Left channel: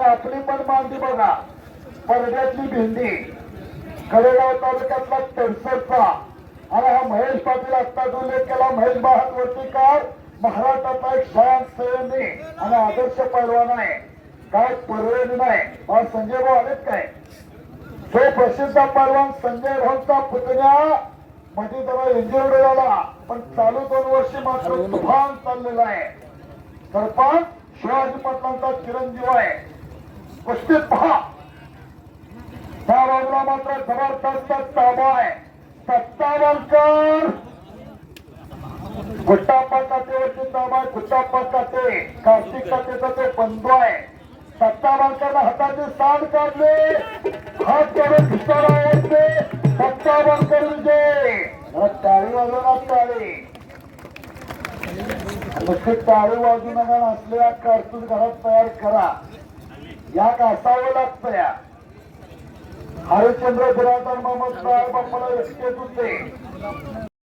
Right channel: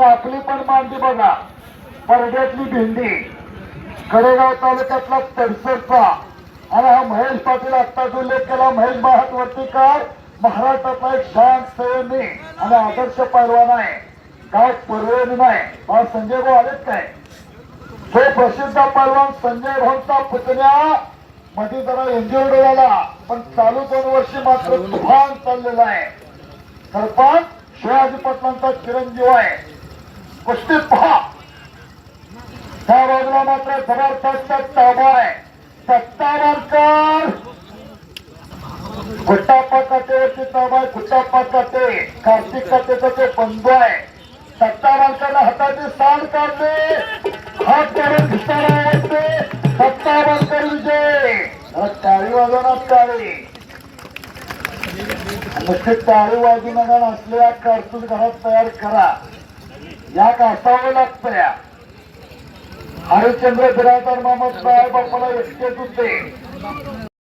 आणि आपली पण मांडी बघा. परड्यातली भेंडी. कडेगाव तालुक्यातला तडसरचा. आणि हा महेश पाटील आत्ताच उल्लेख केला. महेश महात वर्तीकार महाराष्ट्रातला एक शांत सैनी आणि आदर्श पैलवान आहे. काय पर्याय नाही. मला संजय भाऊ आलेत काय? तो प्रसिद्ध पैलवान संजय भाऊचा पुतण्या. मध्ये जरा इंजुर्ड झाला पण चालू दोन वर्षी मात्र तुफान चाललेला आहे. सरपंच शिवाजी पाटलांचा चिरंजीव आहे. कुस्तीत पहा. त्या रोडला मात्र जबरदस्त ताबा आहे. सत्तावरकर. गुट्टाप्पा काटेवरती ताबा आहे गुट्टाप्पा काटे कार्तिक काटेचा ते बंधू आहे. सत्तावरकरला हाताचे सांड काढले. हात करून घुसारा वाजते सत्तावरकर विजय. जरा टाळी वाजवणार टाळी नुसते टाळी वाजू नका असलेल्या कारतूस घरात तयार करा. या का असावं लागतं या हरिश्चंद्र बिरादर मामा